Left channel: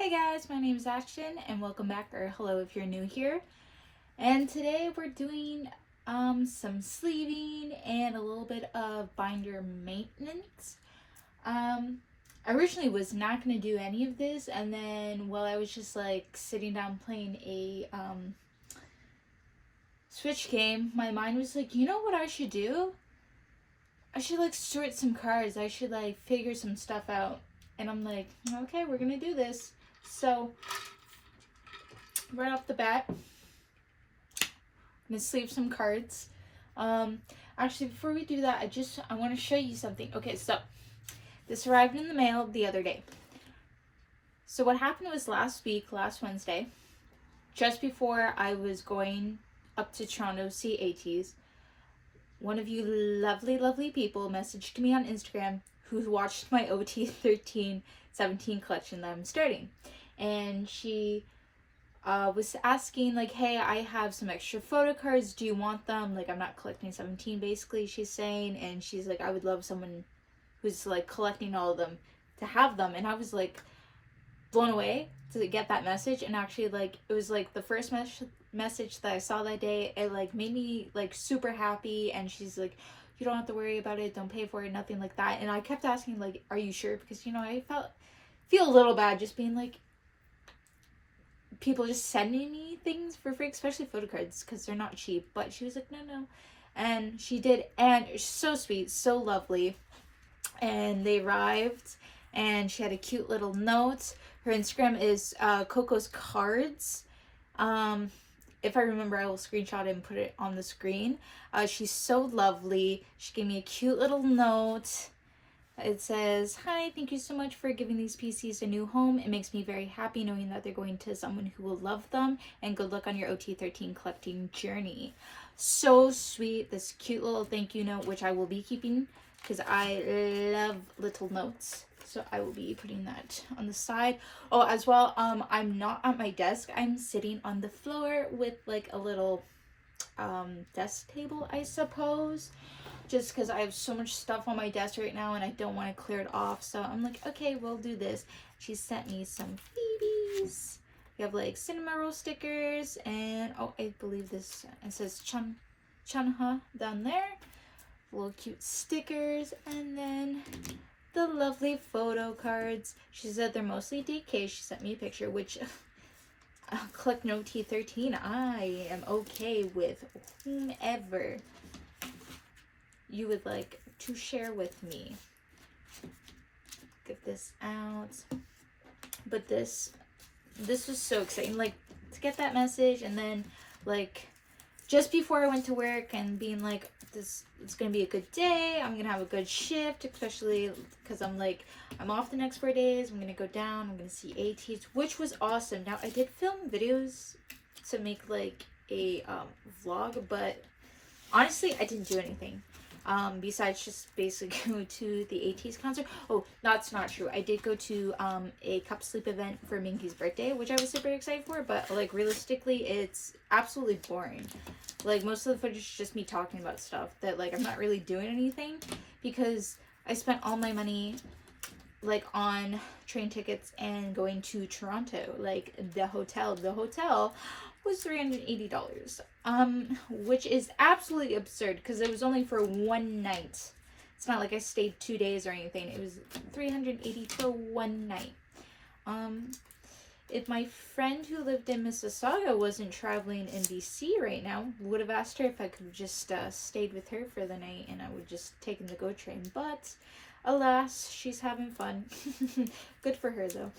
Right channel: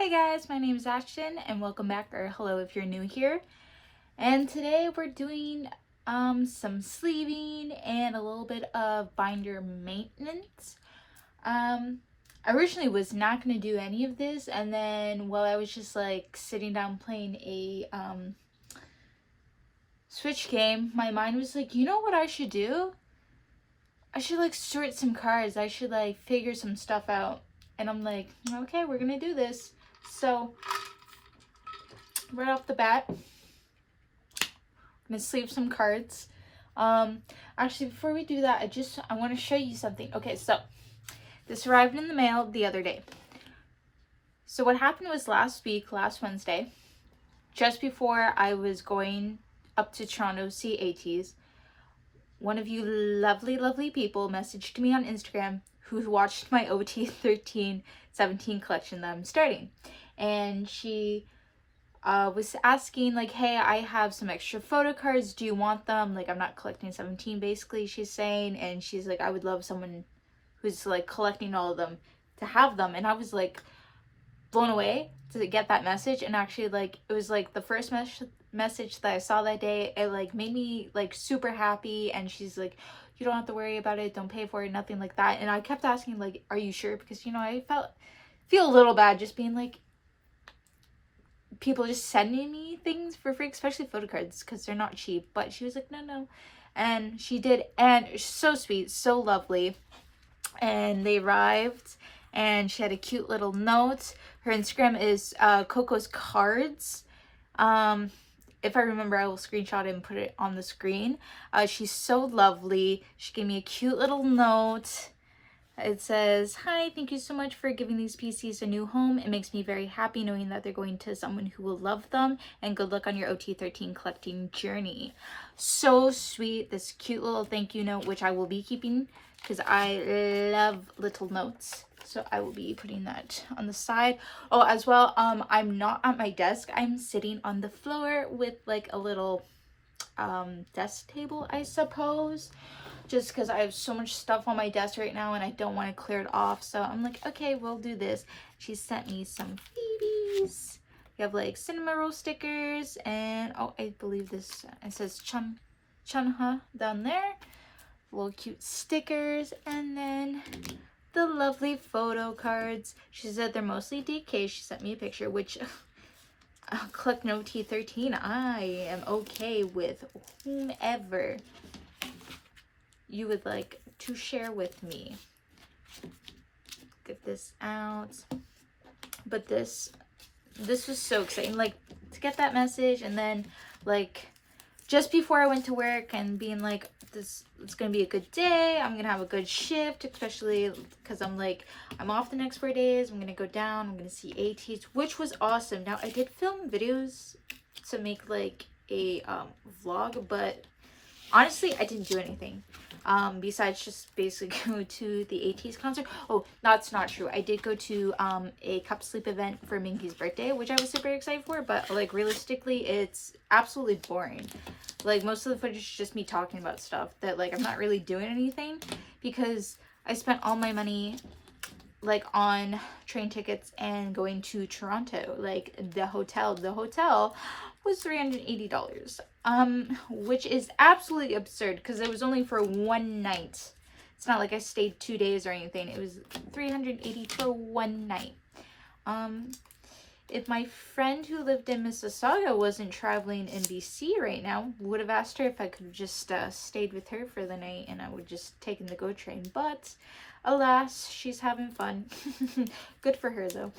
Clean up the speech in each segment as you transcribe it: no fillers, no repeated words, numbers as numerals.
Hey guys, my name is Ashton and welcome back, or hello if you're new here. And today we're doing some sleeving and a little bit of binder maintenance. I originally was not going to do any of this, and then while I was just like sitting down playing a Switch game, my mind was like, you know what I should do? I should like sort some cards. I should like figure some stuff out. And I'm like, okay, we're gonna do this. So right off the bat, I'm gonna sleeve some cards. Actually, before we do that, I want to show you something. Okay, so this arrived in the mail the other day. So what happened was last Wednesday, just before I was going up to Toronto to see ATEEZ, one of you lovely people messaged me on Instagram who watched my OT 13-17 collection that I'm starting. And she was asking like, hey, I have some extra photo cards. Do you want them? Like, I'm not collecting 17 basically, she's saying. And she's like, I would love someone who's like collecting all of them to have them. And I was like blown away to get that message. And actually, like, it was like the first message that I saw that day. It like made me like super happy. And she's like, you don't have to worry about it, don't pay for it, nothing like that. And I kept asking like, are you sure? Because, you know, I feel a little bad just being like, people just sending me things for free, especially photo cards, because they're not cheap. But she was like, no. And she did, and it's so sweet, so lovely. And they arrived, and she had a cute little note. Her Instagram is Coco's Cards. If I remember, I will screenshot it and put it on the screen. She's so lovely. She gave me a cute little note. It says, hi, thank you so much for giving these PCs a new home. It makes me very happy knowing that they're going to someone who will love them. And good luck on your OT13 collecting journey. So sweet. This cute little thank you note, which I will be keeping because I love little notes. So I will be putting that on the side. Oh, as well, I'm not at my desk. I'm sitting on the floor with like a little desk table, I suppose. Just because I have so much stuff on my desk right now and I don't want to clear it off. So I'm like, okay, we'll do this. She sent me some freebies. We have like cinema roll stickers and, oh, I believe this, it says Chunha down there. Little cute stickers, and then the lovely photo cards. She said they're mostly DK. She sent me a picture, which click no T13. I am okay with whomever you would like to share with me. Get this out. But this was so exciting, like, to get that message. And then like just before I went to work and being like, it's gonna be a good day, I'm gonna have a good shift, especially because I'm off the next 4 days. I'm gonna go down, I'm gonna see ATEEZ, which was awesome. Now I did film videos to make like a vlog, but honestly I didn't do anything besides just basically go to the ATEEZ concert. Oh, that's not true. I did go to a cup sleep event for Minky's birthday, which I was super excited for, but like realistically it's absolutely boring. Like most of the footage is just me talking about stuff that like I'm not really doing anything, because I spent all my money like on train tickets and going to Toronto. Like the hotel was $380, which is absolutely absurd because it was only for one night. It's not like I stayed 2 days or anything. It was $380 for one night. If my friend who lived in Mississauga wasn't traveling in BC right now, would have asked her if I could have just stayed with her for the night and I would just taken the GO train. But alas, she's having fun. Good for her though.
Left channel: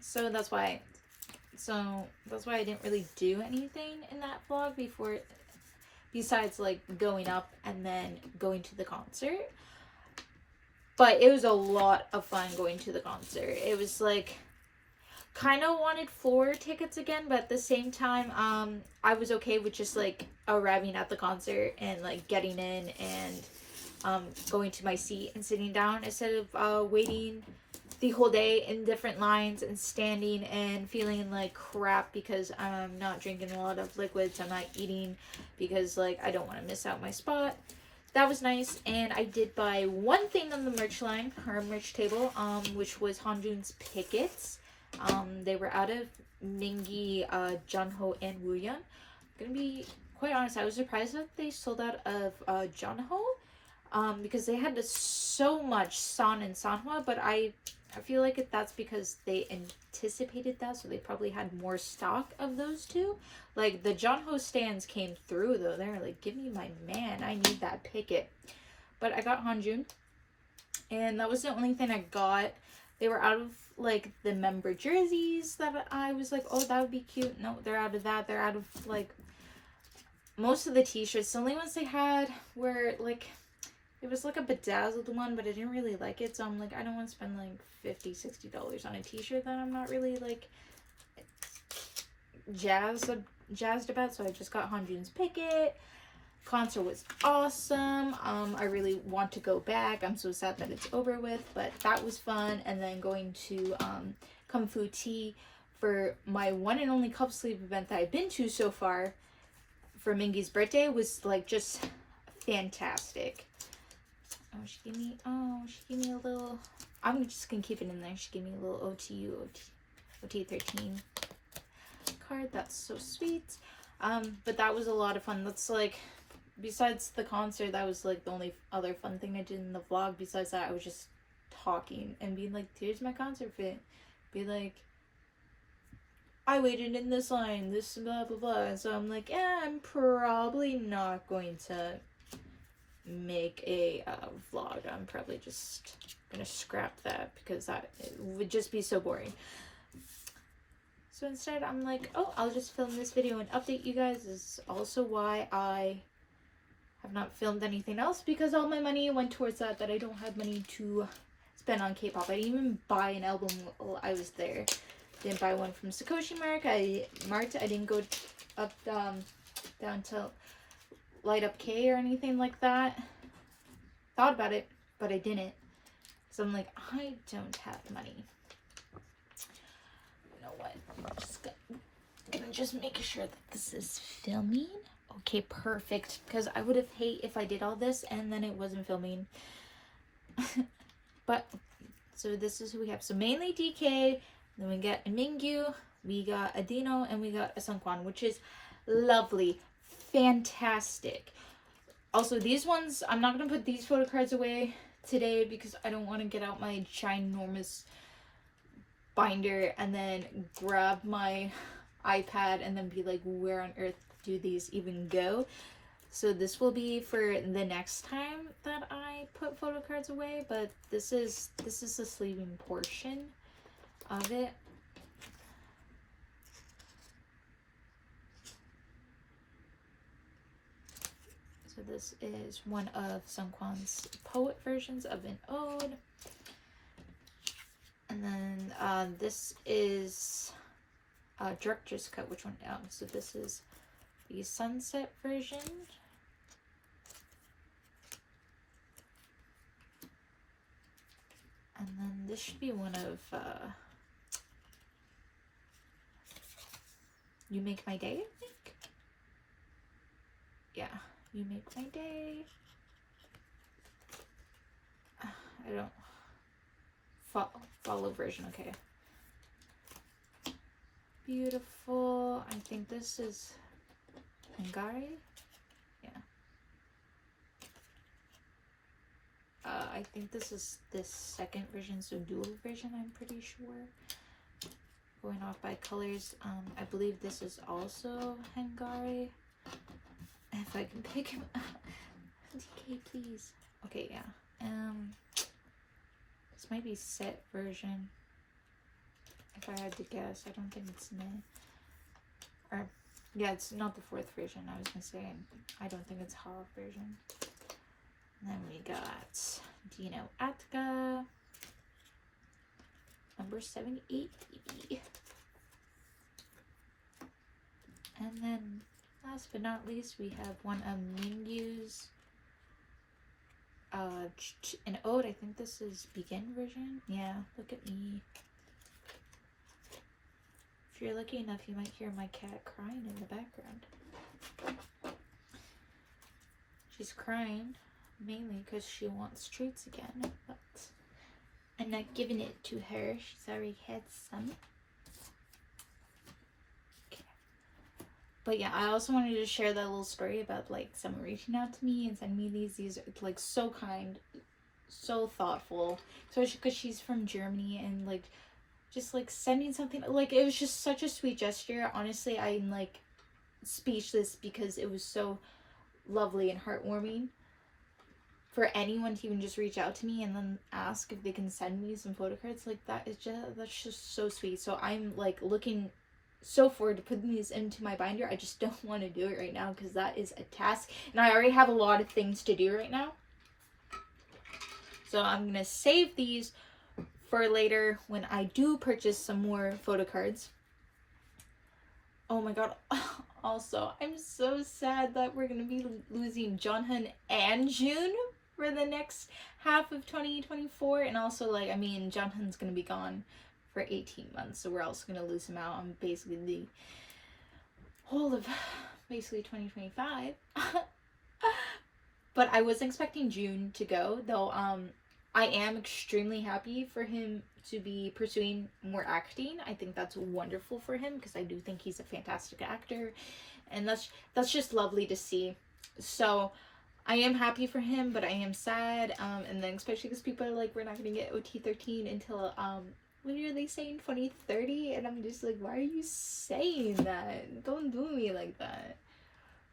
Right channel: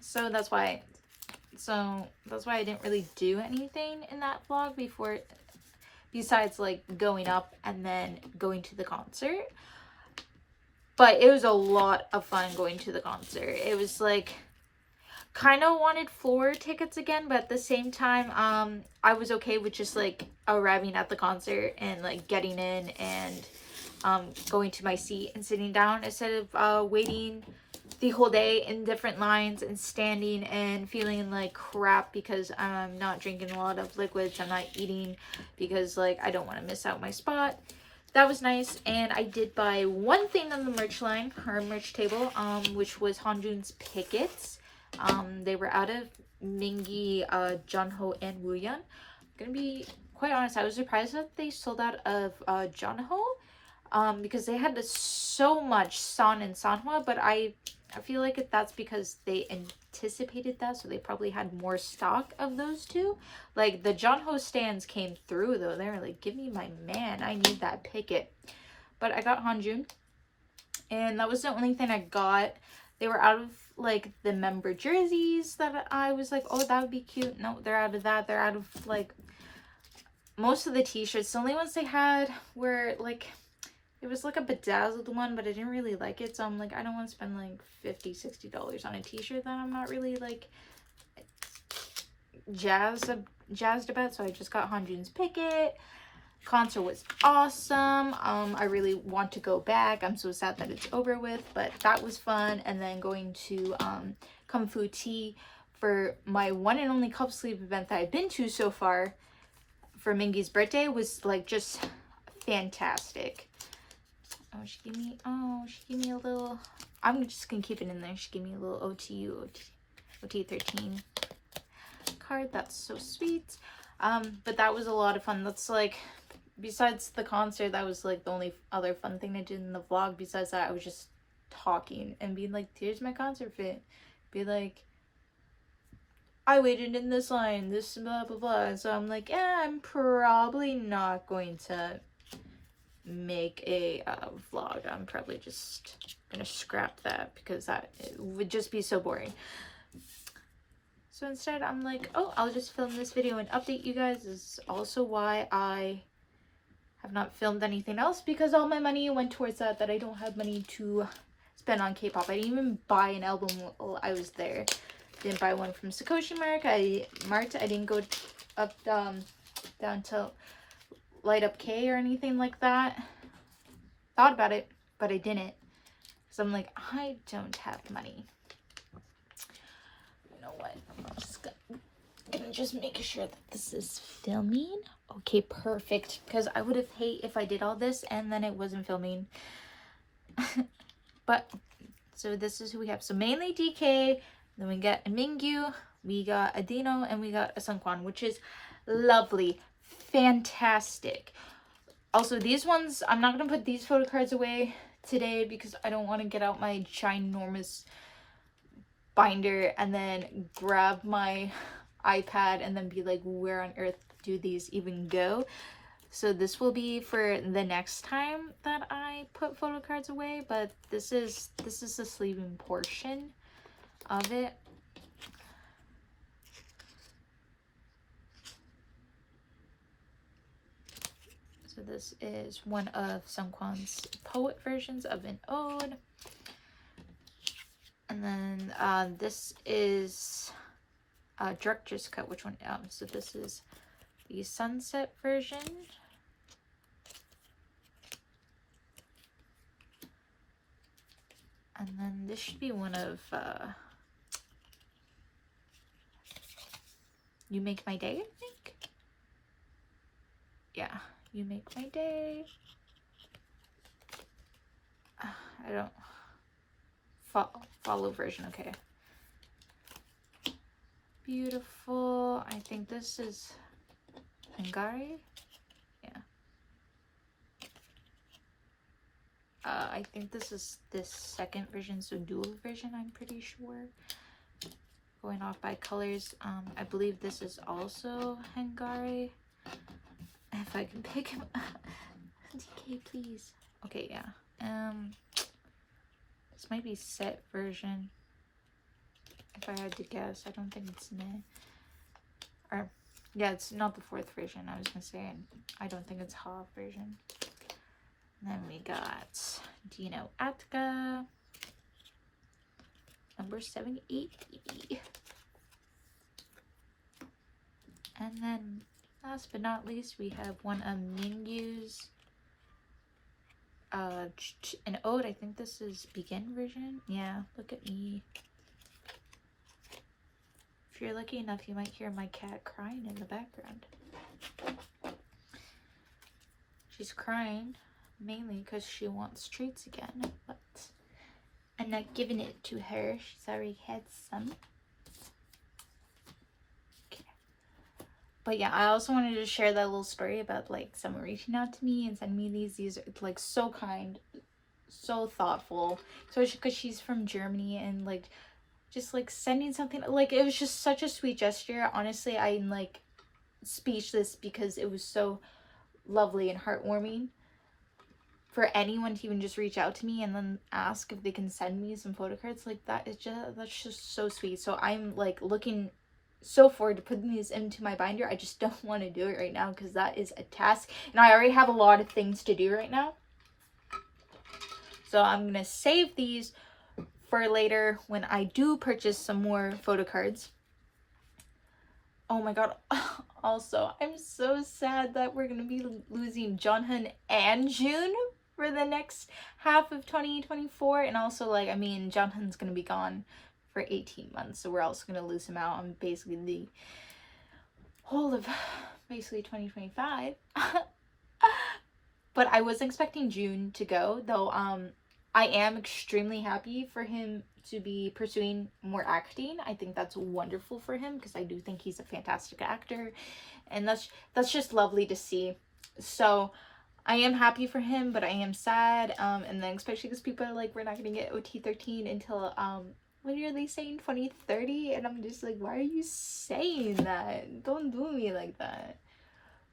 So that's why I didn't really do anything in that vlog before, besides like going up and then going to the concert. But it was a lot of fun going to the concert. It was like, kind of wanted floor tickets again, but at the same time I was okay with just like arriving at the concert and like getting in and going to my seat and sitting down instead of waiting the whole day in different lines and standing and feeling like crap because I'm not drinking a lot of liquids. I'm not eating because like I don't want to miss out my spot. That was nice. And I did buy one thing on the merch line, her merch table, which was Hanjun's Pickets. They were out of Mingi, Junho, and Wooyeon. I'm gonna be quite honest, I was surprised that they sold out of Junho, because they had so much San and Sanhwa, but I feel like that's because they anticipated that, so they probably had more stock of those two. Like, the Junho stands came through, though. They were like, give me my man, I need that picket. But I got Hanjun, and that was the only thing I got. They were out of, like, the member jerseys that I was like, oh, that would be cute. No, they're out of that. They're out of, like, most of the t-shirts. The only ones they had were, like, it was like a bedazzled one, but I didn't really like it. So I'm like, I don't want to spend, like, $50-$60 on a t-shirt that I'm not really, like, jazzed about. So I just got Hanjun's picket. Concert was awesome. I really want to go back. I'm so sad that it's over with, but that was fun. And then going to Kung Fu Tea for my one and only cup sleeve event that I've been to so far for Mingi's birthday was like just fantastic. She gave me a little, I'm just gonna keep it in there. She gave me a little OT13 card. That's so sweet. But that was a lot of fun. That's like, besides the concert, that was like the only other fun thing I did in the vlog. Besides that, I was just talking and being like, here's my concert fit. Be like, I waited in this line, this blah blah blah. And so I'm like, yeah, I'm probably not going to make a vlog. I'm probably just gonna scrap that because that would just be so boring. So instead, I'm like, oh, I'll just film this video and update you guys. This is also why I have not filmed anything else, because all my money went towards that I don't have money to spend on K-pop. I didn't even buy an album while I was there. Didn't buy one from Sakoshi Mark. I didn't go up down to Light Up K or anything like that. Thought about it, but I didn't. So I'm like, I don't have money. You know what? I'm just making sure that this is filming. Okay, perfect. Because I would have hate if I did all this and then it wasn't filming. But so this is who we have. So mainly DK. Then we got a Mingyu, we got a Dino, and we got a Sungkwan, which is lovely, fantastic. Also, these ones, I'm not going to put these photo cards away today because I don't want to get out my ginormous binder and then grab my iPad and then be like, where on earth do these even go? So this will be for the next time that I put photo cards away, but this is the sleeving portion of it. So this is one of Sungkwan's poet versions of an ode. And then this is Druk just cut which one out. So this is the sunset version. And then this should be one of You Make My Day, I think. Yeah, You Make My Day. I don't follow version. Okay. Beautiful. I think this is Hungary. Yeah. I think this is this second version, so dual version, I'm pretty sure. Going off by colors, I believe this is also Hungary. If I can pick him up. DK, please. Okay, yeah. This might be set version. If I had to guess, I don't think it's meh. Or, yeah, it's not the fourth version. I was gonna say, I don't think it's half version. And then we got Dino Atka, number 780. And then, last but not least, we have one of Mingyu's, an ode. I think this is Begin version. Yeah, look at me. If you're lucky enough, you might hear my cat crying in the background. She's crying mainly because she wants treats again, but I'm not giving it to her. She's already had some. But yeah, I also wanted to share that little story about like someone reaching out to me and sending me these are like so kind, so thoughtful, especially because she's from Germany, and like just like sending something, like it was just such a sweet gesture. Honestly, I'm like speechless because it was so lovely and heartwarming for anyone to even just reach out to me and then ask if they can send me some photocards. Like that's just so sweet. So I'm like looking so forward to putting these into my binder. I just don't want to do it right now because that is a task, and I already have a lot of things to do right now. So I'm gonna save these for later when I do purchase some more photocards. Oh my god. Also, I'm so sad that we're gonna be losing Jonhan and June for the next half of 2024. And also, like, I mean, Jonhan's gonna be gone for 18 months, so we're also gonna lose him out on basically the whole of basically 2025. But I was expecting June to go, though. I am extremely happy for him to be pursuing more acting. I think that's wonderful for him because I do think he's a fantastic actor, and that's just lovely to see. So I am happy for him, but I am sad, and then especially because people are like, we're not gonna get OT13 until what are they saying, 2030? And I'm just like, why are you saying that? Don't do me like that.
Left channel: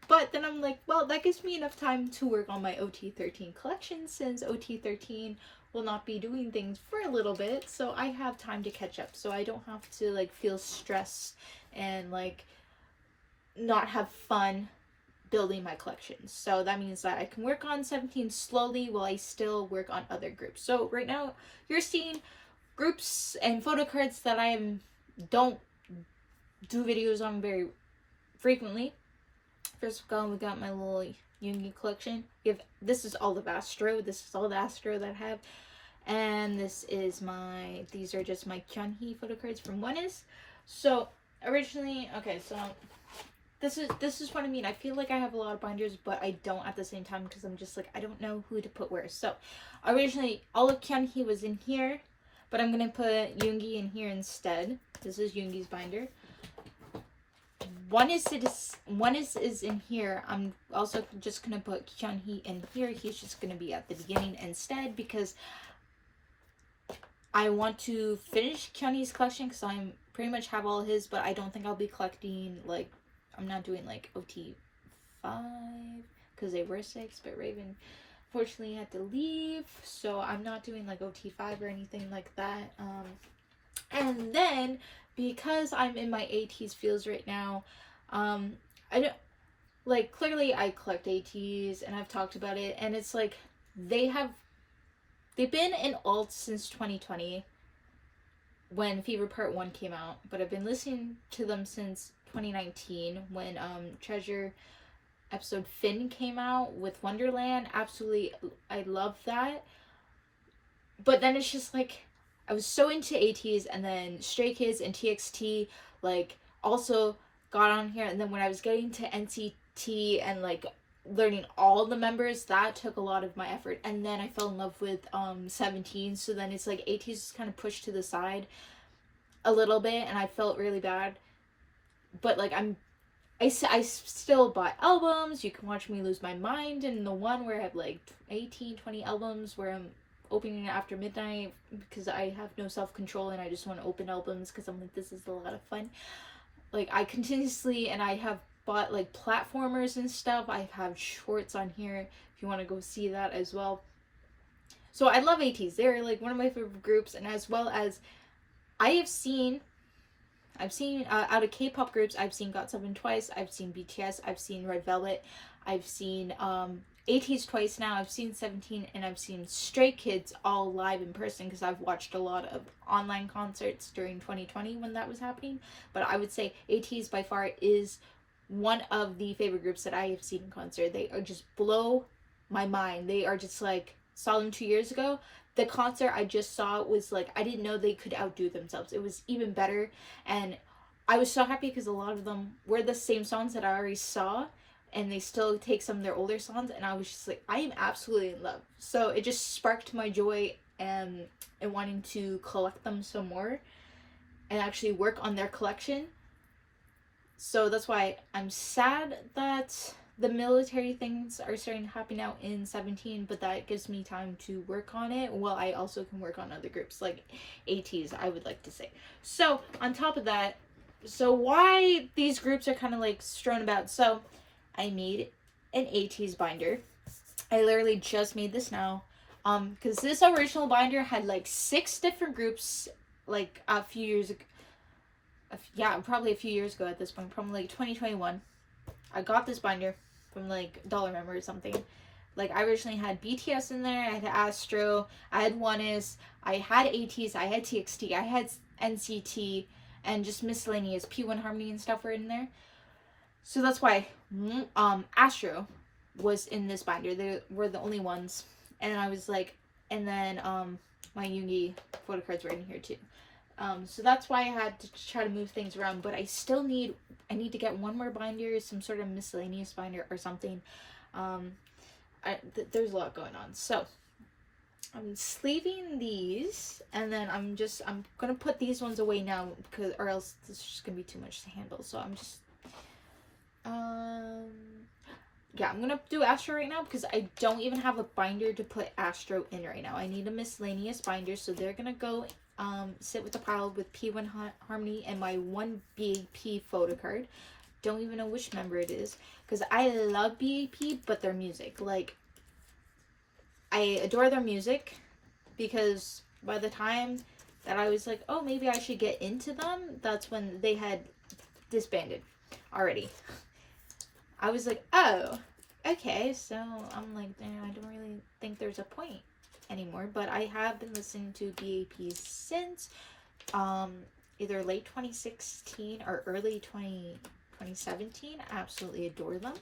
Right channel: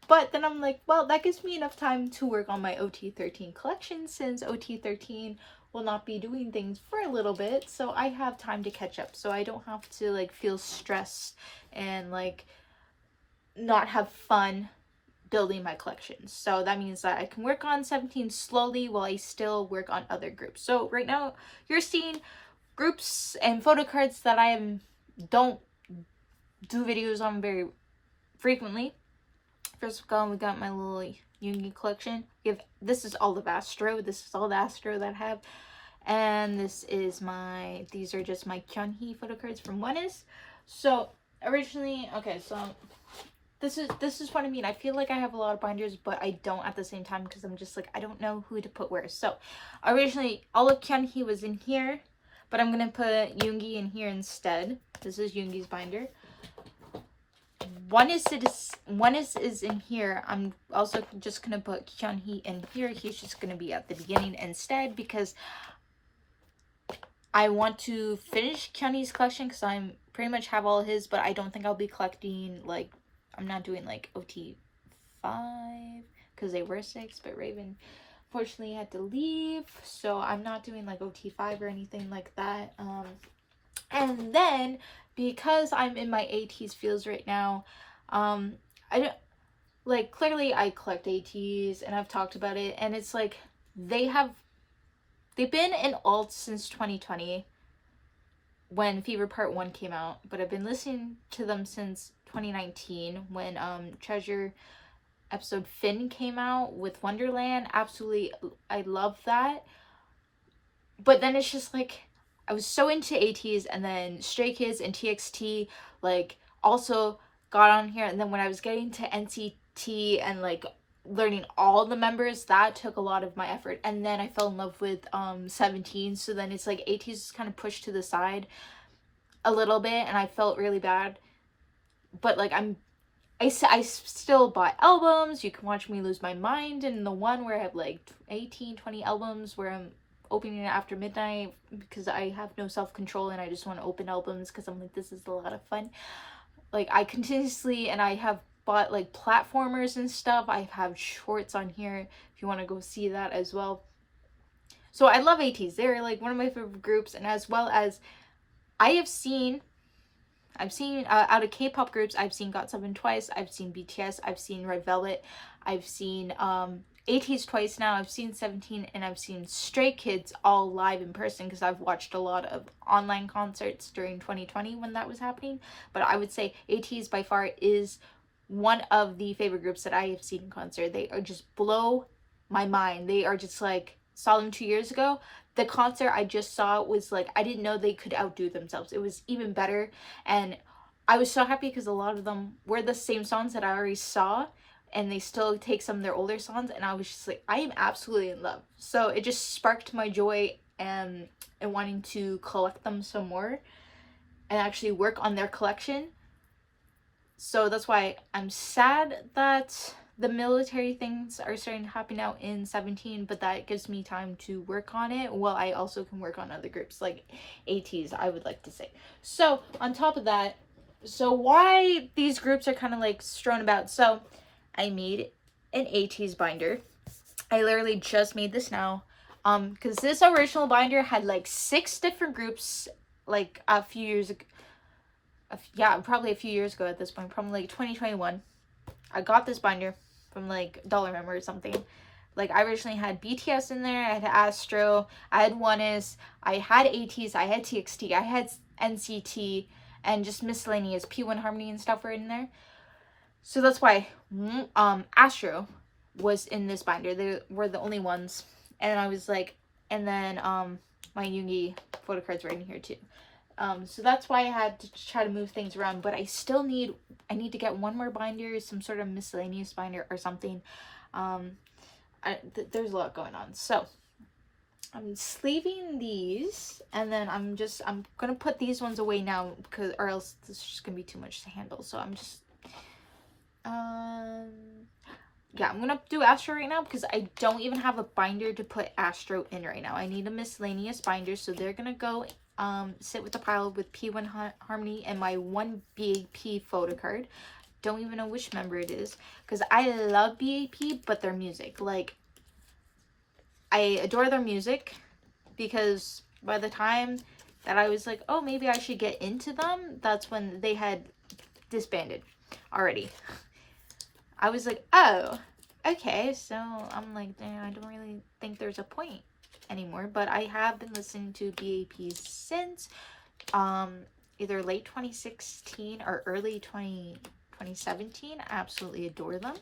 But then I'm like, well, that gives me enough time to work on my OT13 collection, since OT13 will not be doing things for a little bit. So I have time to catch up. So I don't have to like feel stressed and like not have fun building my collection. So that means that I can work on 17 slowly while I still work on other groups. So right now you're seeing groups and photo cards that don't do videos on very frequently. First of all, we got my little Jungi collection. This is all of Astro. This is all the Astro that I have. And these are just my Kyunhee photo cards from ATEEZ. So originally, okay, so this is what I mean. I feel like I have a lot of binders, but I don't at the same time because I'm just like, I don't know who to put where. So originally all of Kyunhee was in here, but I'm gonna put Yoongi in here instead. This is Yoongi's binder. One is in here. I'm also just gonna put Kyunhee in here. He's just gonna be at the beginning instead because I want to finish Kyunhee's collection because I'm pretty much have all his, but I don't think I'll be collecting, like, I'm not doing like OT5 because they were 6, but Raven fortunately had to leave, so I'm not doing like OT5 or anything like that. And then because I'm in my ATEEZ feels right now, I don't like, clearly I collect ATEEZ and I've talked about it, and it's like they've been in alt since 2020 when Fever Part 1 came out, but I've been listening to them since 2019 when Treasure episode Finn came out with Wonderland. Absolutely, I love that. But then it's just like, I was so into ATEEZ, and then Stray Kids and TXT like also got on here, and then when I was getting to NCT and like learning all the members, that took a lot of my effort, and then I fell in love with 17, so then it's like ATEEZ is kind of pushed to the side a little bit, and I felt really bad. But like I still bought albums. You can watch me lose my mind in the one where I have like 18-20 albums where I'm opening it after midnight because I have no self-control and I just want to open albums because I'm like, this is a lot of fun. Like, I continuously, and I have bought like platformers and stuff. I have shorts on here if you want to go see that as well. So I love ATEEZ. They're like one of my favorite groups, and as well as I've seen out of K-pop groups, I've seen GOT7 twice, I've seen BTS, I've seen Red Velvet, I've seen ATEEZ twice now, I've seen 17, and I've seen Stray Kids all live in person because I've watched a lot of online concerts during 2020 when that was happening. But I would say ATEEZ by far is one of the favorite groups that I have seen in concert. They are just blow my mind. They are just like, saw them 2 years ago. The concert I just saw was like, I didn't know they could outdo themselves. It was even better, and I was so happy because a lot of them were the same songs that I already saw, and they still take some of their older songs, and I was just like, I am absolutely in love. So it just sparked my joy and wanting to collect them some more and actually work on their collection. So that's why I'm sad that the military things are starting to happen out in 17, but that gives me time to work on it while I also can work on other groups like ATEEZ, I would like to say. So on top of that, so why these groups are kind of like strewn about. So I made an ATEEZ binder. I literally just made this now. Because this original binder had like 6 different groups like a few years ago. Yeah, probably a few years ago at this point, probably like 2021. I got this binder from like Dollar Member or something. Like I originally had BTS in there, I had Astro, I had ONEUS, I had ATEEZ, I had TXT, I had NCT, and just miscellaneous P1 Harmony and stuff were in there. So that's why Astro was in this binder. They were the only ones. And I was like, and then my Yoongi Photocards were in here too. So that's why I had to try to move things around, but I still need to get one more binder, some sort of miscellaneous binder or something. There's a lot going on. So I'm sleeving these, and then I'm gonna put these ones away now, because or else this is just gonna be too much to handle. So I'm just yeah, I'm gonna do Astro right now because I don't even have a binder to put Astro in right now. I need a miscellaneous binder, so they're gonna go sit with the pile with P1 Harmony and my one BAP photo card. Don't even know which member it is because I love BAP, but their music, like, I adore their music, because by the time that I was like, oh, maybe I should get into them, that's when they had disbanded already. I was like, oh, okay, so I'm like, damn, I don't really think there's a point anymore, but I have been listening to BAP since either late 2016 or early 2017. I absolutely adore them.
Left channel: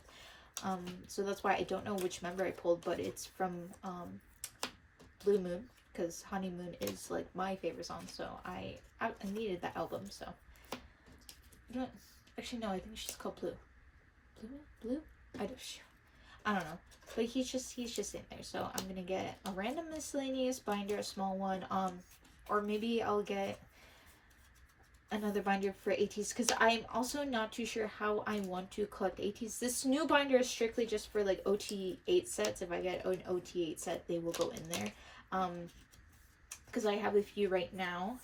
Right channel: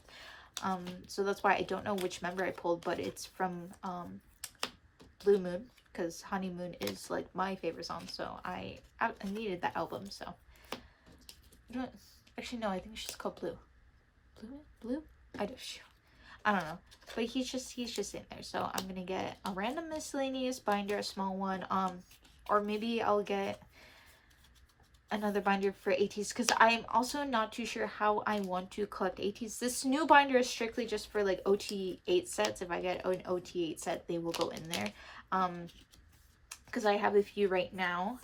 So that's why I don't know which member I pulled, but it's from Blue Moon, because Honeymoon is like my favorite song, so I needed that album. So you know what? Actually no, I think she's called Blue. Blue? I don't know, but he's just in there. So I'm gonna get a random miscellaneous binder, a small one, or maybe I'll get another binder for ATEEZ, because I'm also not too sure how I want to collect ATEEZ. This new binder is strictly just for like OT8 sets. If I get an OT8 set, they will go in there, because I have a few right now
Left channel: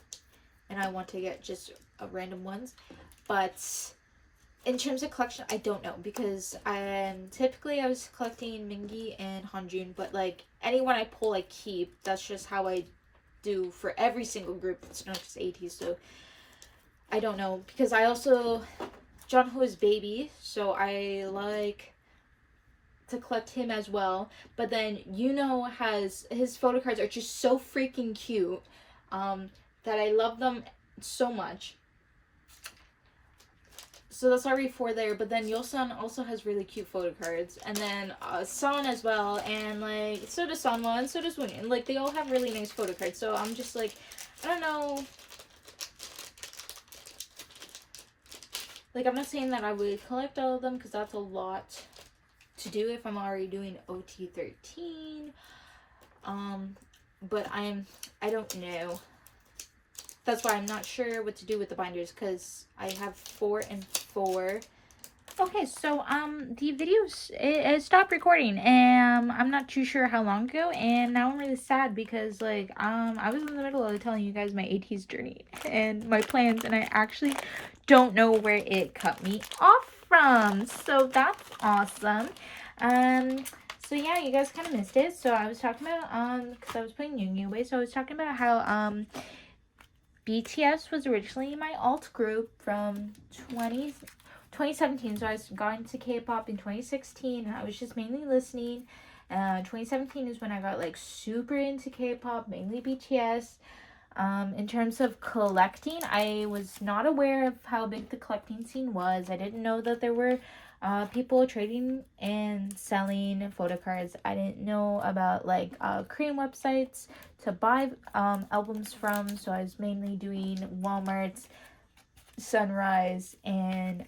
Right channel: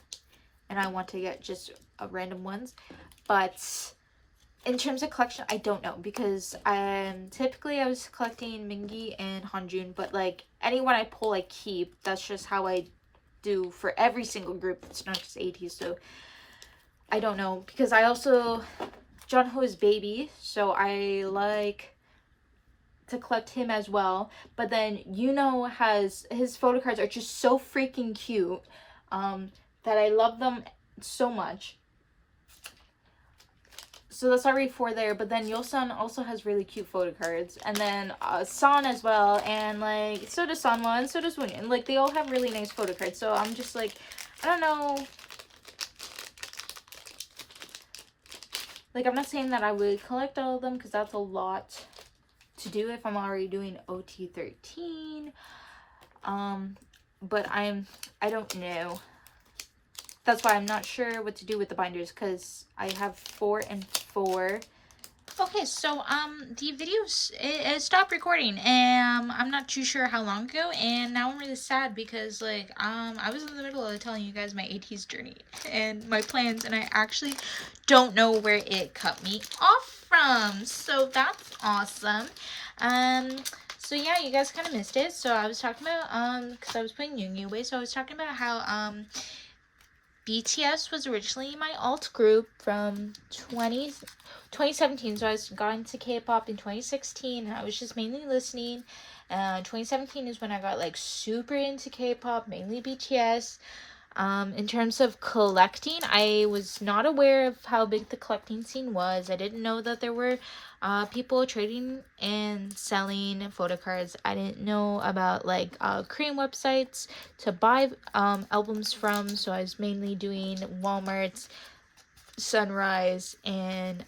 and I want to get just random ones. But in terms of collection, I don't know, because typically I was collecting Mingi and Hanjun, but like anyone I pull I keep. That's just how I do for every single group. It's not just ATEEZ. So I don't know, because I also Jungho's baby, so I like to collect him as well. But then has his photo cards are just so freaking cute, that I love them so much. So that's already 4 there, but then Yeolsun also has really cute photo cards, and then San as well, and like so does Sanwa, and so does Woon, and like they all have really nice photo cards. So I'm just like, I don't know. Like, I'm not saying that I would collect all of them, because that's a lot to do if I'm already doing OT13. But I don't know. That's why I'm not sure what to do with the binders, because I have 4 and 4. Okay, so the videos it stopped recording, and I'm not too sure how long ago, and now I'm really sad because like I was in the middle of telling you guys my ATEEZ journey and my plans, and I actually don't know where it cut me off from. So that's awesome. So yeah, you guys kind of missed it. So I was talking about because I was playing Yoongi away, so I was talking about how BTS was originally my alt group from 2017, so I got into K-pop in 2016. I was just mainly listening. 2017 is when I got like super into K-pop, mainly BTS. In terms of collecting, I was not aware of how big the collecting scene was. I didn't know that there were people trading and selling photo cards. I didn't know about like Korean websites to buy albums from, so I was mainly doing Walmart's, Sunrise, and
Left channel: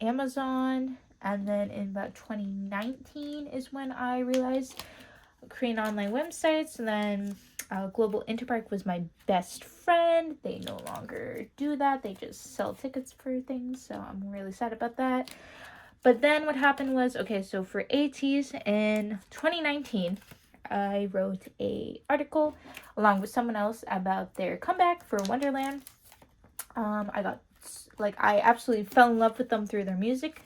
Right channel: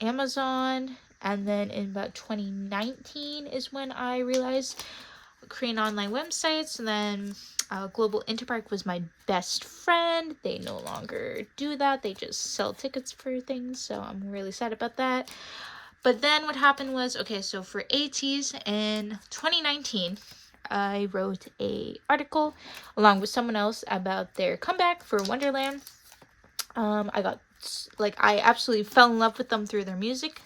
Amazon. And then in about 2019 is when I realized Korean online websites, and then Global Interpark was my best friend. They no longer do that. They just sell tickets for things, so I'm really sad about that. But then what happened was, okay, so for ATEEZ in 2019, I wrote a article along with someone else about their comeback for Wonderland. I absolutely fell in love with them through their music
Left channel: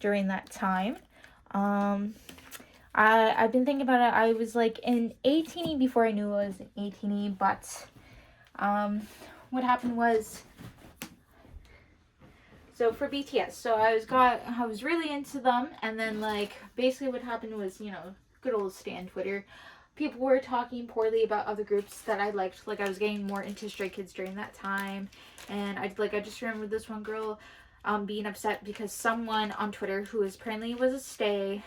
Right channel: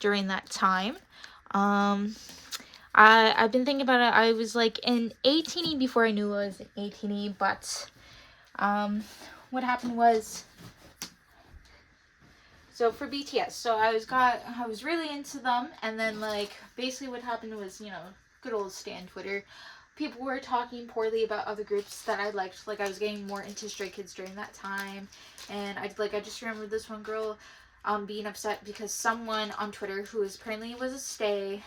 during that time. I've been thinking about it. I was like in 18E before I knew I was in 18E, but what happened was, so for BTS, so I was really into them, and then like basically what happened was, you know, good old Stan Twitter, people were talking poorly about other groups that I liked. Like I was getting more into Stray Kids during that time, and I just remember this one girl being upset because someone on Twitter who apparently was a stay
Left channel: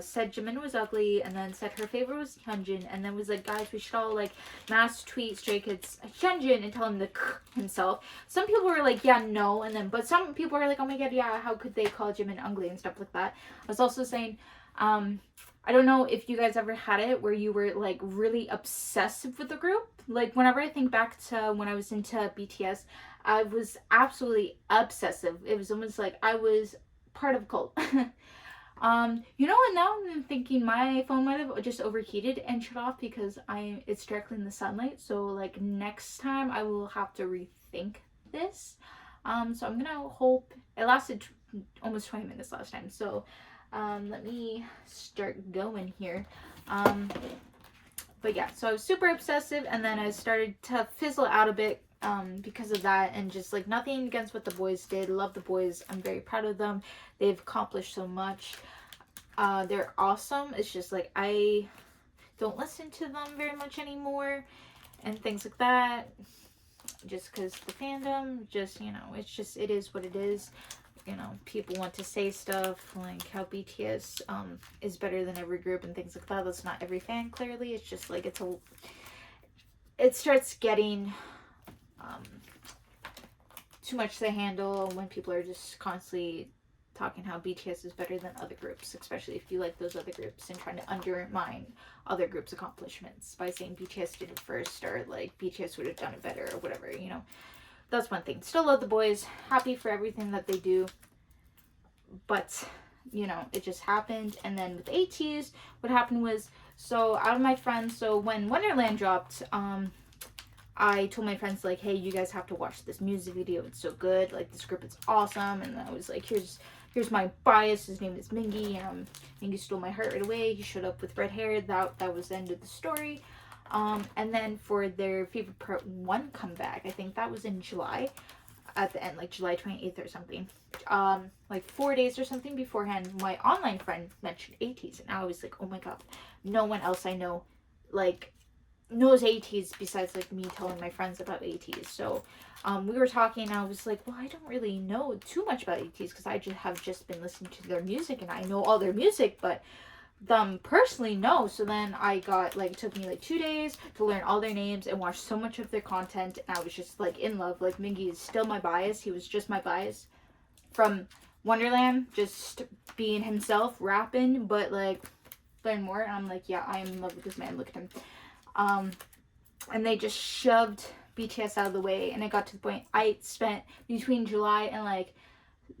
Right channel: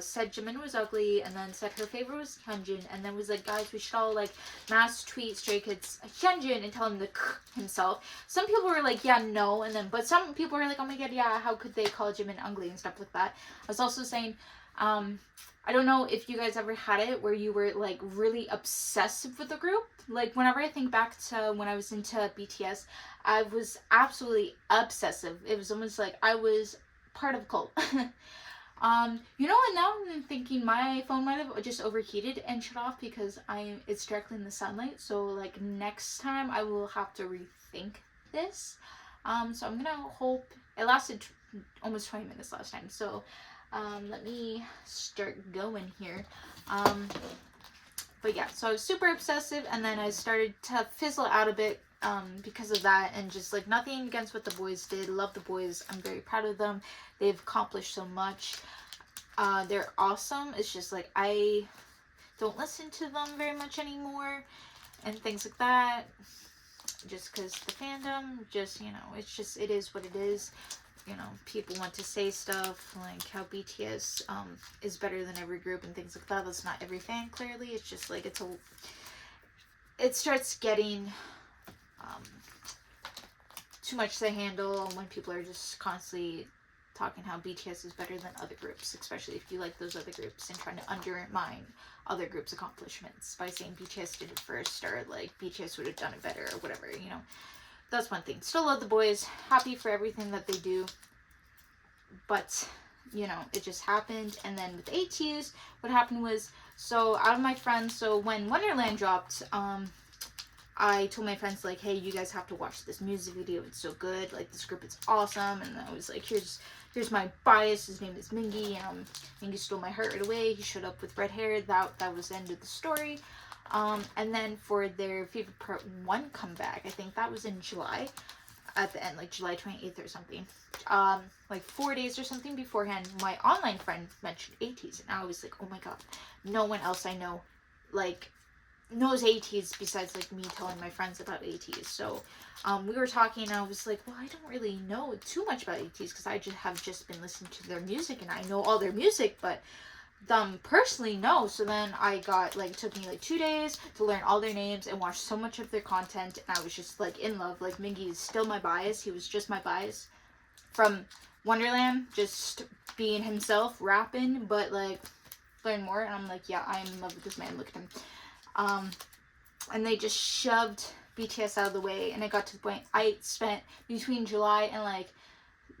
said Jimin was ugly, and then said her favorite was Hyunjin, and then was like, guys, we should all like mass tweet Stray Kids Hyunjin and tell him to himself. Some people were like, yeah, no, and then but some people were like, oh my god, yeah, how could they call Jimin ugly and stuff like that. I was also saying, I don't know if you guys ever had it where you were like really obsessive with the group. Like whenever I think back to when I was into BTS, I was absolutely obsessive. It was almost like I was part of a cult. You know what, now I'm thinking my phone might have just overheated and shut off because it's directly in the sunlight. So like next time I will have to rethink this. So I'm gonna hope it lasted almost 20 minutes last time. So let me start going here. But yeah, so I was super obsessive, and then I started to fizzle out a bit because of that, and just like nothing against what the boys did. Love the boys. I'm very proud of them. They've accomplished so much. They're awesome. It's just like I don't listen to them very much anymore and things like that. Just because the fandom, just, you know, it is what it is. You know, people want to say stuff like how BTS is better than every group and things like that. That's not every fan, clearly. It's just like it starts getting too much to handle when people are just constantly talking how BTS is better than other groups, especially if you like those other groups, and trying to undermine other groups' accomplishments by saying BTS did it first, or like BTS would have done it better, or whatever, you know. That's one thing. Still love the boys. Happy for everything that they do. But, you know, it just happened. And then with ATEEZ, what happened was, so out of my friends, so when Wonderland dropped, I told my friends, like, hey, you guys have to watch this music video. It's so good. Like, this group is awesome. And I was like, here's my bias. His name is Mingi. Mingi stole my heart right away. He showed up with red hair. That was the end of the story. And then for their favorite part 1 comeback, I think that was in July, at the end, like July 28th or something, like 4 days or something beforehand, my online friend mentioned ATEEZ, and I was like, oh my god, no one else I know like knows ATEEZ besides like me telling my friends about ATEEZ. So we were talking, and I was like, well, I don't really know too much about ATEEZ because I have just been listening to their music, and I know all their music, but them personally, no. So then I got, like, it took me like 2 days to learn all their names and watch so much of their content, and I was just like in love. Like, Mingi is still my bias. He was just my bias from Wonderland, just being himself, rapping, but like learn more. And I'm like, yeah, I am in love with this man. Look at him. And they just shoved BTS out of the way, and it got to the point I spent between July and like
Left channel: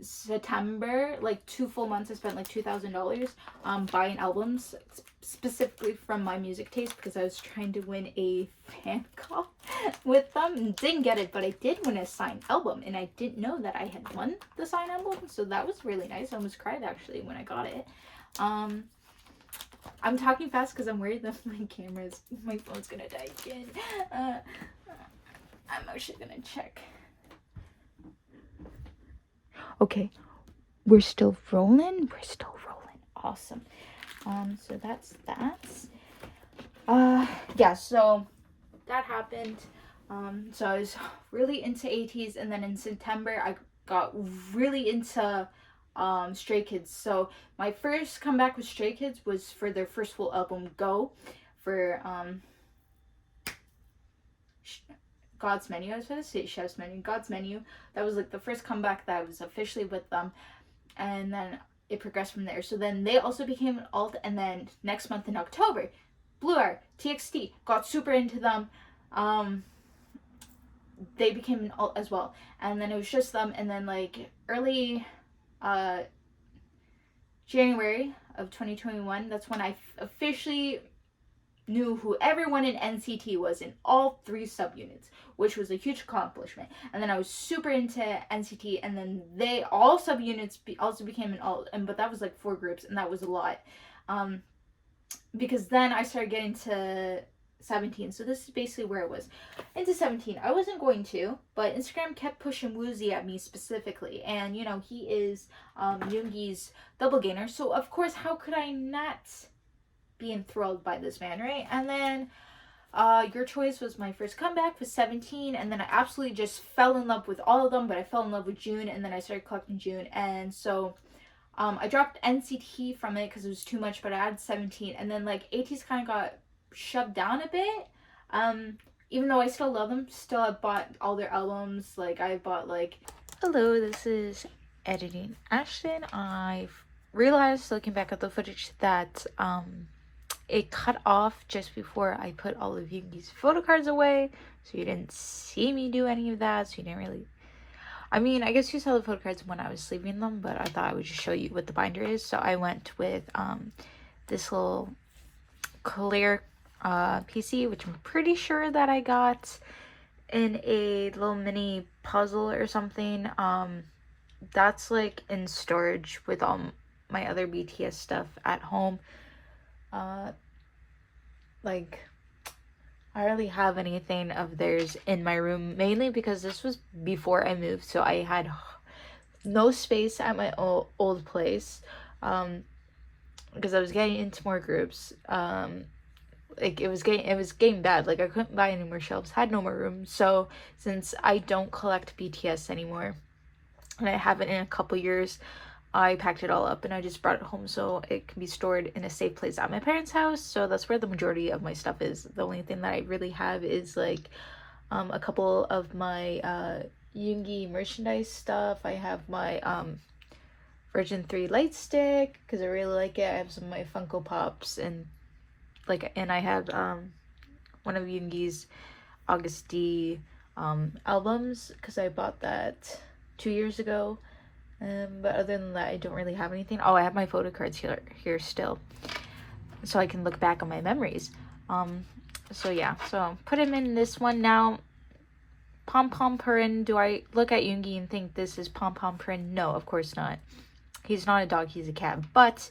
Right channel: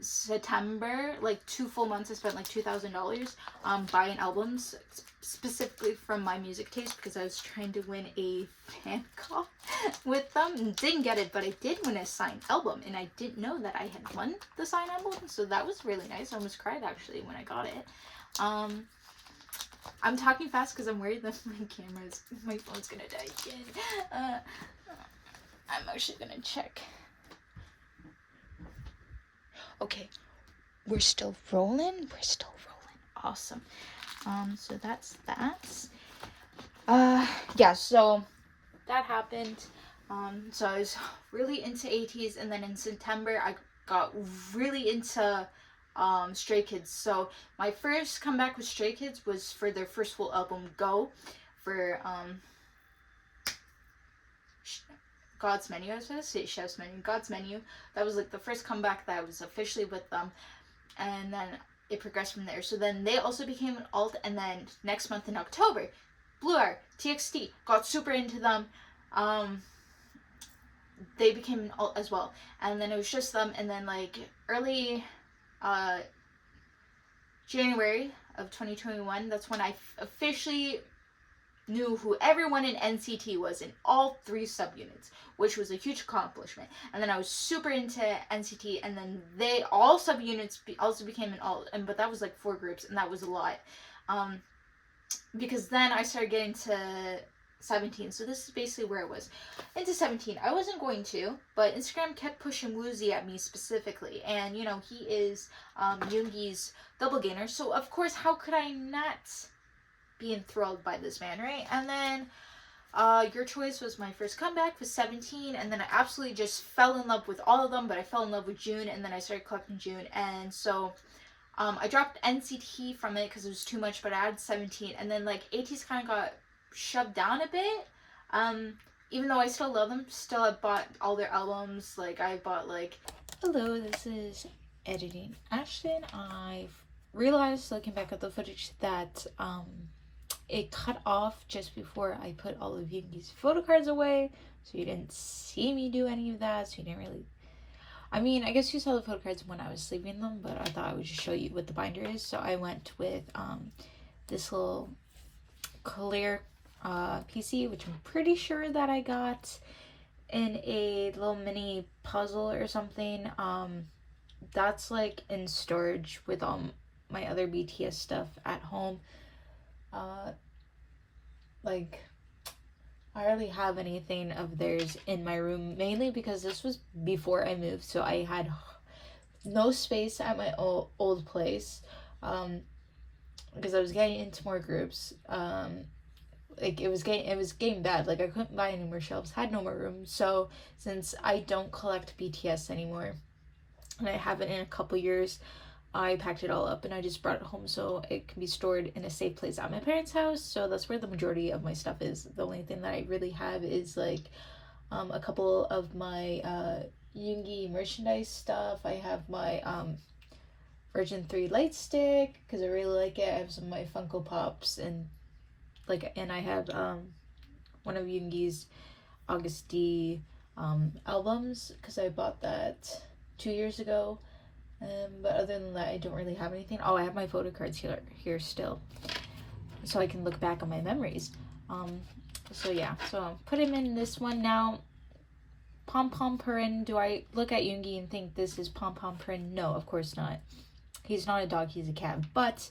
September, like 2 full months, I spent like $2,000 buying albums specifically from my music taste, because I was trying to win a fan call with them. Didn't get it, but I did win a signed album, and I didn't know that I had won the signed album, so that was really nice. I almost cried actually when I got it. I'm talking fast because I'm worried that my phone's gonna die again. I'm actually gonna check. Okay, we're still rolling. Awesome. So that's that. Yeah, so that happened. So I was really into ATEEZ, and then in September I got really into Stray Kids. So my first comeback with Stray Kids was for their first full album, Go, for God's Menu. I was going to say Chef's Menu. God's Menu. That was like the first comeback that I was officially with them, and then it progressed from there. So then they also became an alt, and then next month in October, Blue Art, TXT, got super into them. They became an alt as well, and then it was just them. And then like early January of 2021, that's when I officially knew who everyone in NCT was in all 3 subunits, which was a huge accomplishment. And then I was super into NCT, and then they all subunits also became an alt, but that was like 4 groups, and that was a lot. Because then I started getting to 17. So this is basically where it was. Into 17. I wasn't going to, but Instagram kept pushing Woozy at me specifically. And, you know, he is Yoongi's double gainer. So, of course, how could I not be enthralled by this man, right? And then Your Choice was my first comeback with 17. And then I absolutely just fell in love with all of them. But I fell in love with June. And then I started collecting June. And so I dropped NCT from it because it was too much. But I added 17. And then, like, ATEEZ kind of got shoved down a bit. Even though I still love them, still I bought all their albums. Like I bought like Hello, this is Editing Ashton. I've realized looking back at the footage that it cut off just before I put all of Yoongi's photo cards away, so you didn't see me do any of that, so you didn't really, I mean, I guess you saw the photo cards when I was sleeving them, but I thought I would just show you what the binder is. So I went with this little clear PC, which I'm pretty sure that I got in a little mini puzzle or something. That's like in storage with all my other BTS stuff at home. Like I hardly have anything of theirs in my room, mainly because this was before I moved, so I had no space at my old place, because I was getting into more groups. Like it was getting bad. Like I couldn't buy any more shelves, had no more room. So since I don't collect BTS anymore, and I haven't in a couple years, I packed it all up and I just brought it home so it can be stored in a safe place at my parents' house. So that's where the majority of my stuff is. The only thing that I really have is like a couple of my Yoongi merchandise stuff. I have my Version 3 light stick because I really like it. I have some of my Funko Pops, and I have one of Yoongi's August D albums because I bought that 2 years ago. But other than that, I don't really have anything. Oh, I have my photo cards here still, so I can look back on my memories. So yeah, so put him in this one now. Pom Pom Purin. Do I look at Yoongi and think this is Pom Pom Purin? No, of course not. He's not a dog, he's a cat. But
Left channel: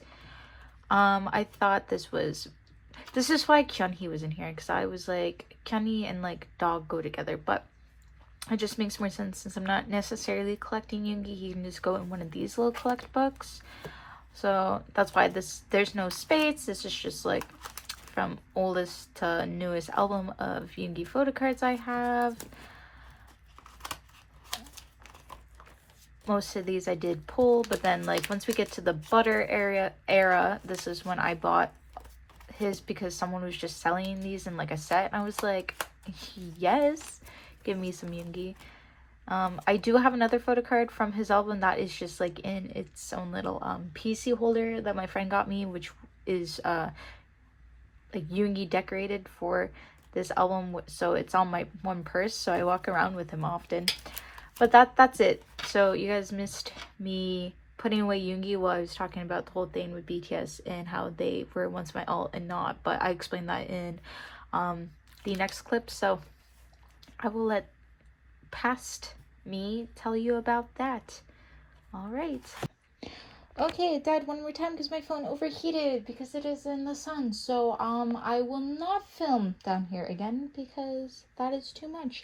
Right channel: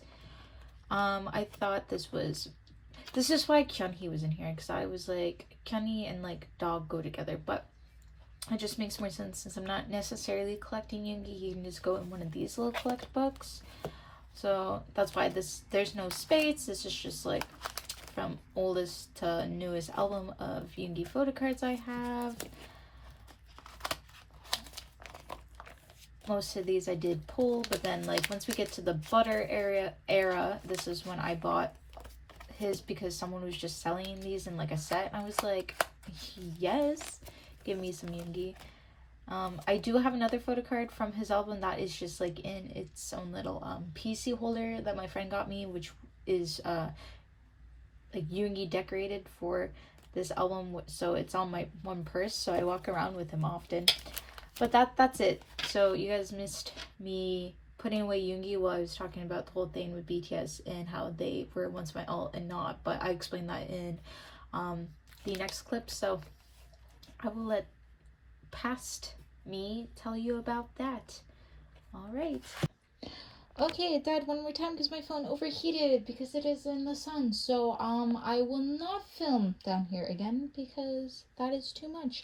I thought this is why Kyunhee was in here, because I was like, Kyunhee and like dog go together, but it just makes more sense since I'm not necessarily collecting Yoongi. He can just go in one of these little collect books. So that's why there's no space. This is just like from oldest to newest album of Yoongi photo cards I have. Most of these I did pull, but then like once we get to the Butter era, this is when I bought his because someone was just selling these in like a set, and I was like, yes, give me some Yoongi. I do have another photo card from his album that is just like in its own little PC holder that my friend got me, which is like Yoongi decorated for this album, so it's on my one purse, so I walk around with him often. But that's it. So you guys missed me putting away Yoongi while I was talking about the whole thing with BTS and how they were once my alt and not, but I explained that in the next clip, so I will let past me tell you about that. All right. Okay, Dad, one more time because my phone overheated because it is in the sun. So I will not film down here again because that is too much.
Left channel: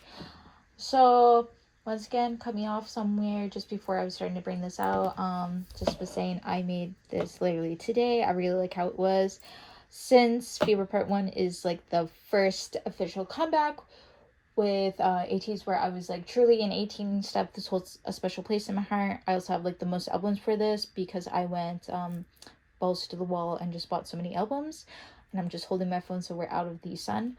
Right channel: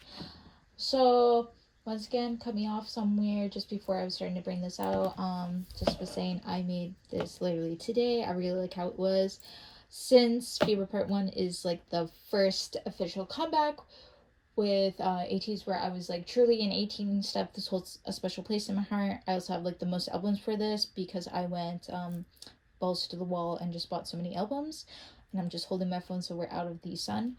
So once again, cut me off somewhere just before I was starting to bring this out. Just was saying I made this literally today. I really like how it was. Since Fever Part 1 is like the first official comeback with ATEEZ, where I was like truly an 18 step, this holds a special place in my heart. I also have like the most albums for this because I went balls to the wall and just bought so many albums, and I'm just holding my phone so we're out of the sun.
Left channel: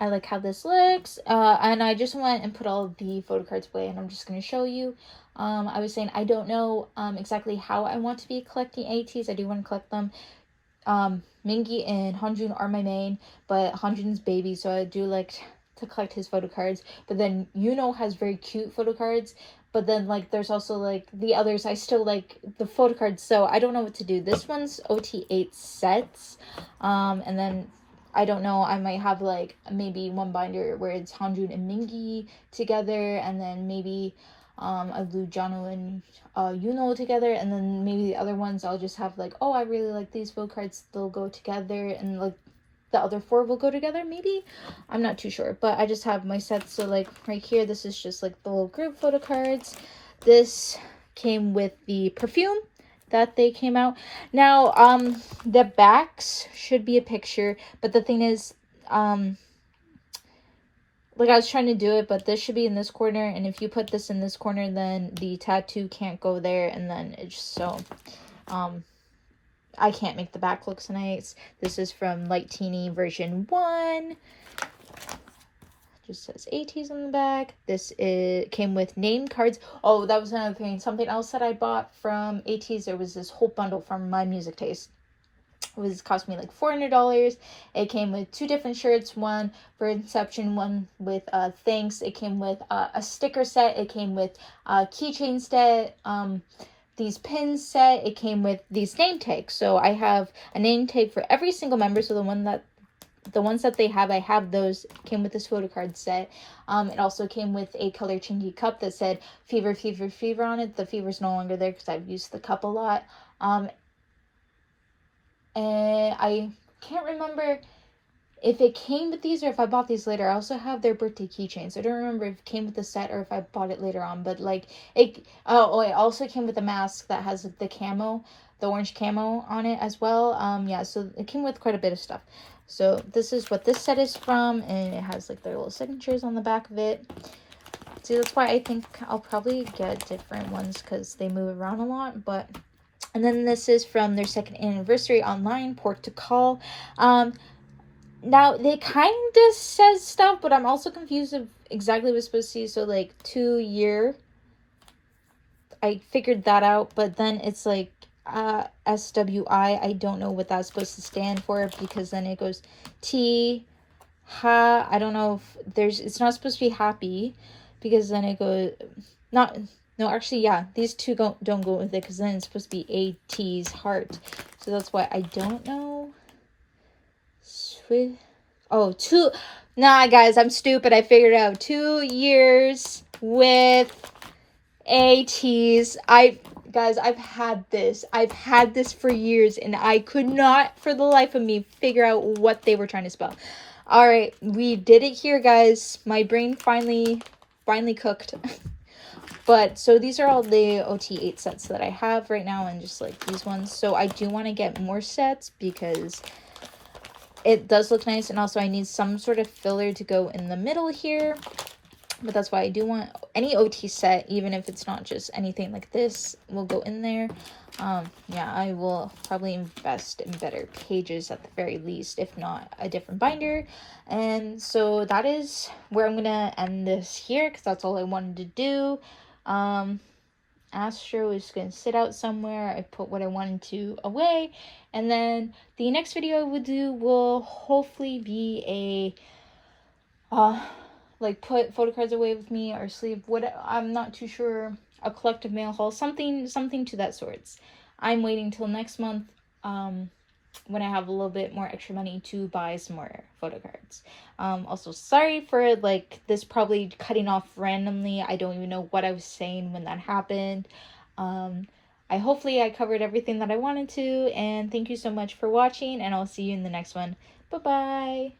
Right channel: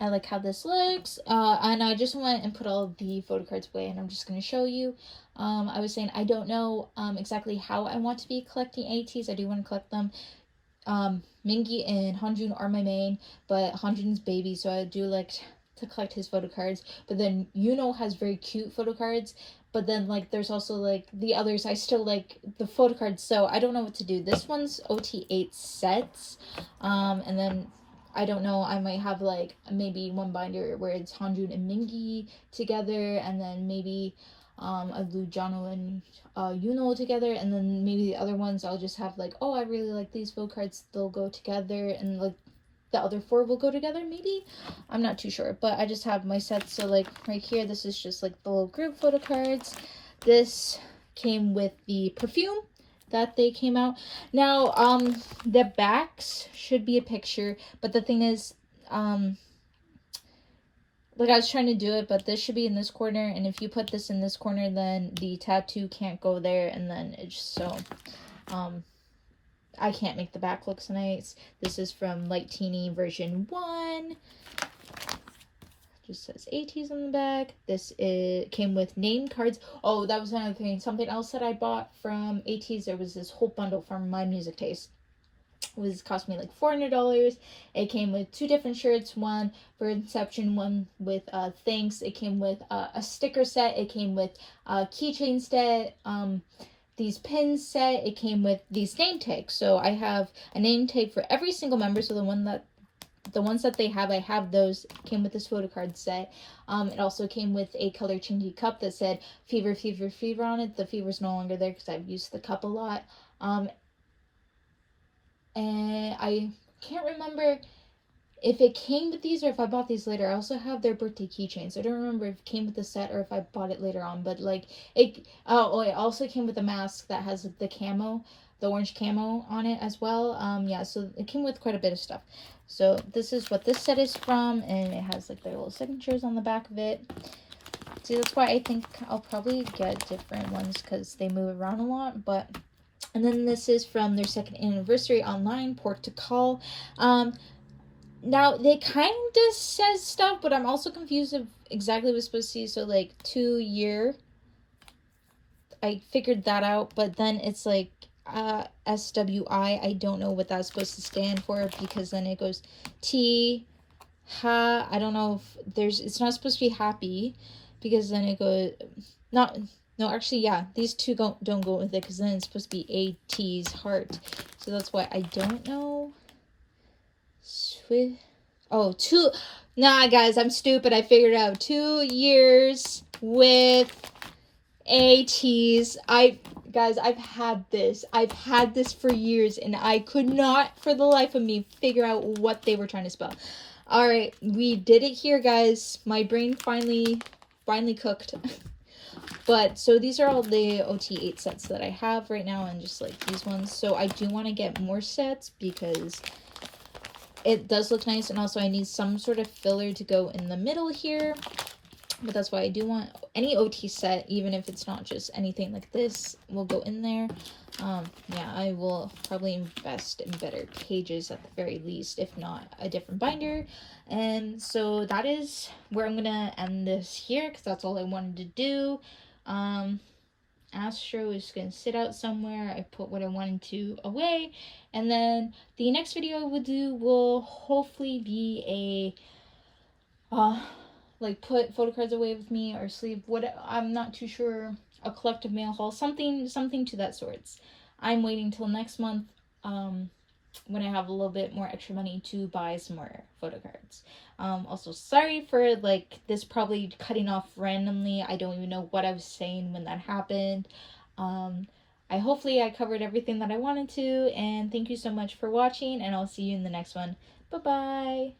I like how this looks, and I just went and put all the photo cards away, and I'm just going to show you. I was saying I don't know exactly how I want to be collecting ATEEZ. I do want to collect them Mingi and Hanjun are my main, but Hanjun's baby, so I do like to collect his photo cards. But then Yuno has very cute photo cards, but then like there's also like the others. I still like the photo cards, so I don't know what to do. This one's OT8 sets, and then I don't know, I might have like maybe one binder where it's Hanjun and Mingi together, and then maybe I do Jono and Yuno together, and then maybe the other ones I'll just have like, oh, I really like these photo cards, they'll go together, and like the other 4 will go together, maybe. I'm not too sure, but I just have my sets. So like right here, this is just like the little group photo cards. This came with the perfume that they came out. Now, the backs should be a picture, but the thing is, like I was trying to do it, but this should be in this corner, and if you put this in this corner, then the tattoo can't go there, and then it's just so, I can't make the back look so nice. This is from Light Teeny version 1. Just says ATEEZ on the back. This came with name cards. Oh, that was another thing. Something else that I bought from ATEEZ. There was this whole bundle from My Music Taste. It was cost me like $400. It came with 2 different shirts, one for Inception, one with Thanks. It came with a sticker set. It came with a keychain set. These pins set. It came with these name tags. So I have a name tag for every single member. So the ones that they have, I have those. Came with this photo card set. It also came with a color changing cup that said Fever, Fever, Fever on it. The fever's no longer there because I've used the cup a lot. And I can't remember if it came with these or if I bought these later. I also have their birthday keychains. I don't remember if it came with the set or if I bought it later on. But like it also came with a mask that has the camo, the orange camo on it as well. Yeah, so it came with quite a bit of stuff. So this is what this set is from, and it has like their little signatures on the back of it. See, that's why I think I'll probably get different ones because they move around a lot. But and then this is from their 2nd anniversary online, Port to Call. Now, they kind of says stuff, but I'm also confused of exactly what it's supposed to be. So, like, 2-year. I figured that out, but then it's like SWI. I don't know what that's supposed to stand for, because then it goes T, ha. I don't know if it's not supposed to be happy, because then it goes, no, actually, yeah, these two don't go with it, because then it's supposed to be ATEEZ heart. So that's why I don't know. Nah, guys, I'm stupid. I figured it out. 2 years with ATEEZ. Guys, I've had this for years, and I could not, for the life of me, figure out what they were trying to spell. All right, we did it here, guys. My brain finally cooked. But, so these are all the OT8 sets that I have right now, and just, like, these ones. So I do want to get more sets, because it does look nice, and also I need some sort of filler to go in the middle here. But that's why I do want any OT set, even if it's not just anything like this, will go in there. Yeah, I will probably invest in better pages at the very least, if not a different binder. And so that is where I'm gonna end this here, because that's all I wanted to do. Astro is going to sit out somewhere. I put what I wanted to away. And then the next video I will do will hopefully be a, like, put photo cards away with me, or sleeve, I'm not too sure, a collective mail haul, something to that sorts. I'm waiting till next month, when I have a little bit more extra money to buy some more photo cards. Also, sorry for, like, this probably cutting off randomly. I don't even know what I was saying when that happened. Hopefully I covered everything that I wanted to, and thank you so much for watching, and I'll see you in the next one. Bye-bye!